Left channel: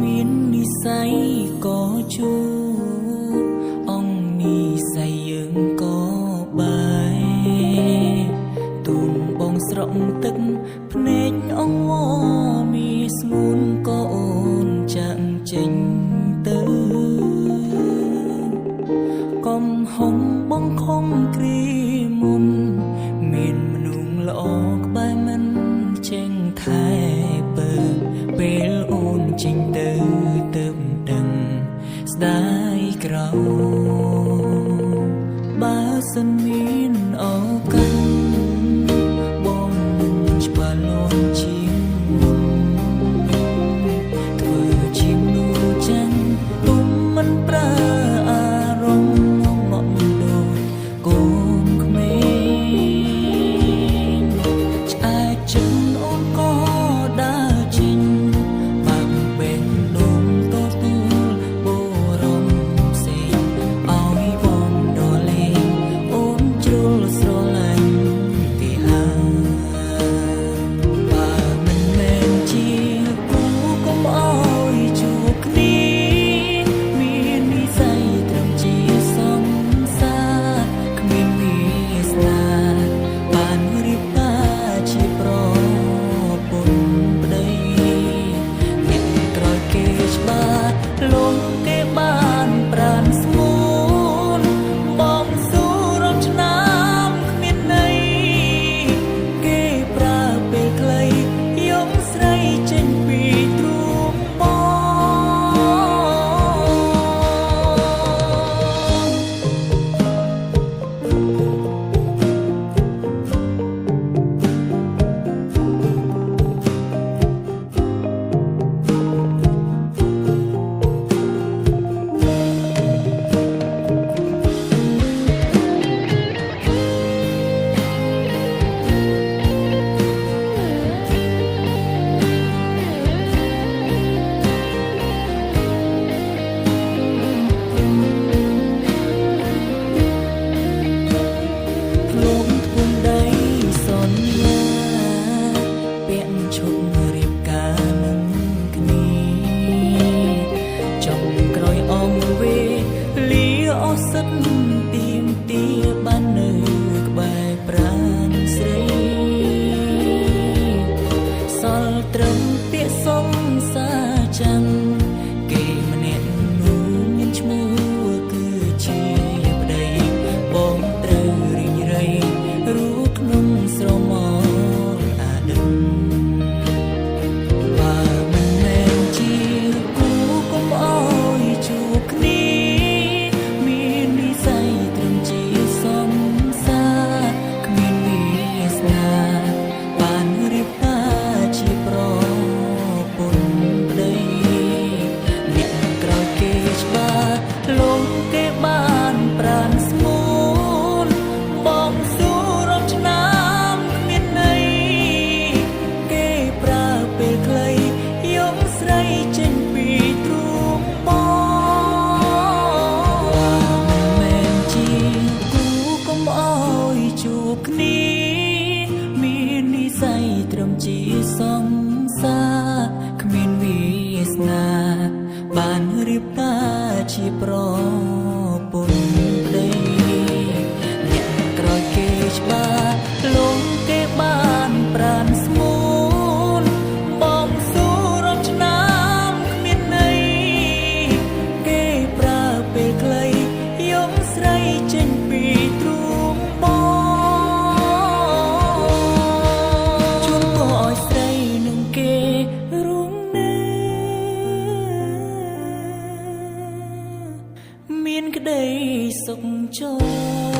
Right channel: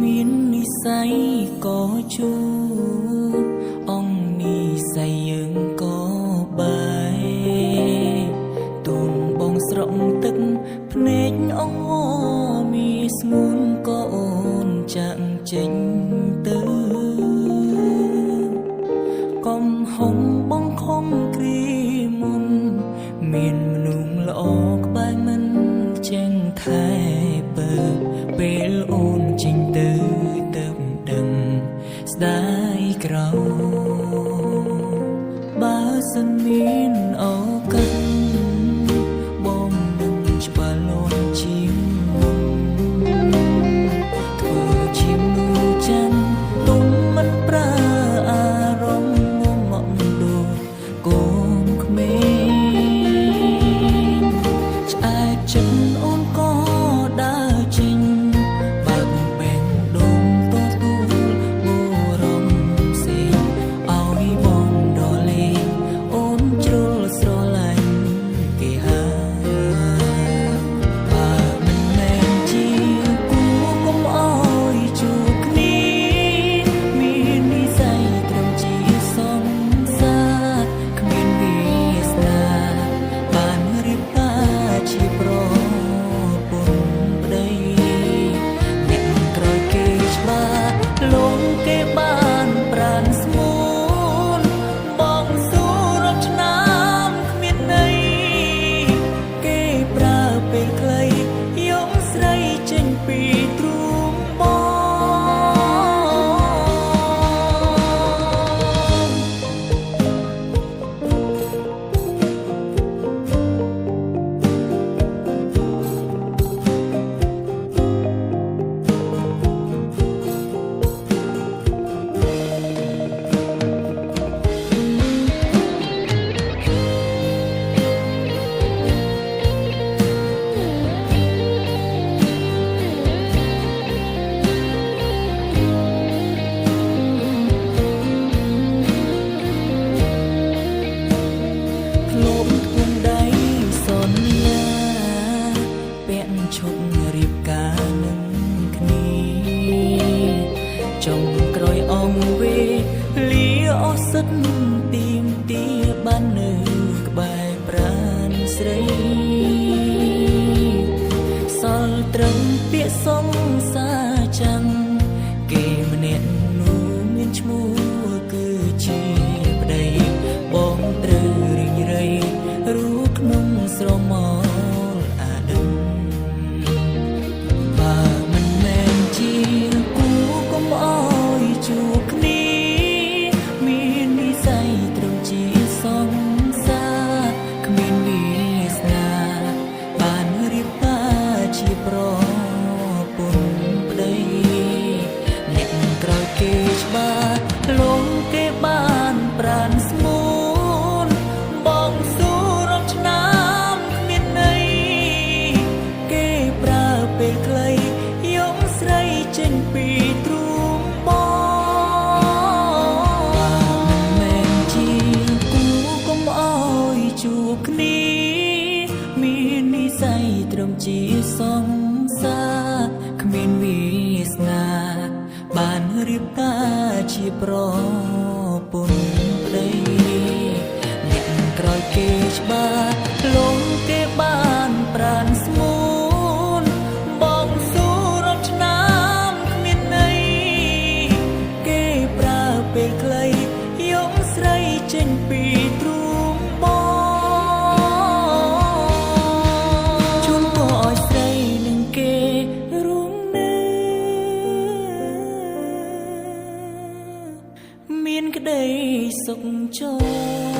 មាននិស័យក៏ជួបអង្គនិស័យយើងក៏បាយទូនបងស្រក់ទឹកភ្នែកអង្វរមានស្ងួនក៏អូនចាក់ចេញទៅកុំហុំបងខំគ្រីមុនមានមនុស្សល្អក្បែរមិនចេញថែពើពេលអូនចេញទៅទៅដឹងស្ដាយក្រោបើសិនមានឱកាសបងនឹងច្បាស់លាស់ជាងមុនធ្វើជាមនុស្សចាំទុំមិនប្រើអារម្មណ៍ងងក់ដូចកូនក្មេងឆ្អែតចិត្តអូនក៏ដើរចេញបើកបែងដូងទទួលបរំផ្សេងឲ្យបងដលេងអូនជ្រុលស្រឡាញ់ទេហាបើមិនមែនជាគូកុំអោយជួបគ្នាមាននិស័យត្រឹមជាសង្សារគ្មានវាសនាបានរៀបការជាប្រពន្ធប្តីអ្នកក្រោយគេច្បាស់លងគេបានប្រានស្មួនបងស៊ូរាប់ឆ្នាំគ្មានន័យគេប្រើពេលខ្លីយំស្រីចេញពីទ្រូងបងលោមធ្ពងដៃសន្យាពាក់ឈុតរៀបការនឹងគ្នាចំក្រោយអង្គវេលាអស់សិទ្ធទៀមទាបាននៅក្បែរប្រាណស្រីសល់ត្រឹមពាក្យសងសាចាំងគេម្នាក់នោះមានឈ្មោះគឺជាប្តីបងត្រូវរីងរៃរូក្នុងស្រមោលអាដិនបើមិនមែនជាគូកុំអោយជួបគ្នាមាននិស័យត្រឹមជាសង្សារគ្មានវាសនាបានរៀបការជាប្រពន្ធប្តីអ្នកក្រោយគេច្បាស់លងគេបានប្រានស្មួនបងស៊ូរាប់ឆ្នាំគ្មានន័យគេប្រើពេលខ្លីយំស្រីចេញពីទ្រូងបងបើមិនមែនជាគូកុំអោយជួបគ្នាមាននិស័យត្រឹមជាសង្សារគ្មានវាសនាបានរៀបការជាប្រពន្ធប្តីអ្នកក្រោយគេច្បាស់លងគេបានប្រានស្មួនបងស៊ូរាប់ឆ្នាំគ្មានន័យគេប្រើពេលខ្លីយំស្រីចេញពីទ្រូងបងជូនពរឲ្យស្រីនឹងគេរួមមានក្តីសុខចរ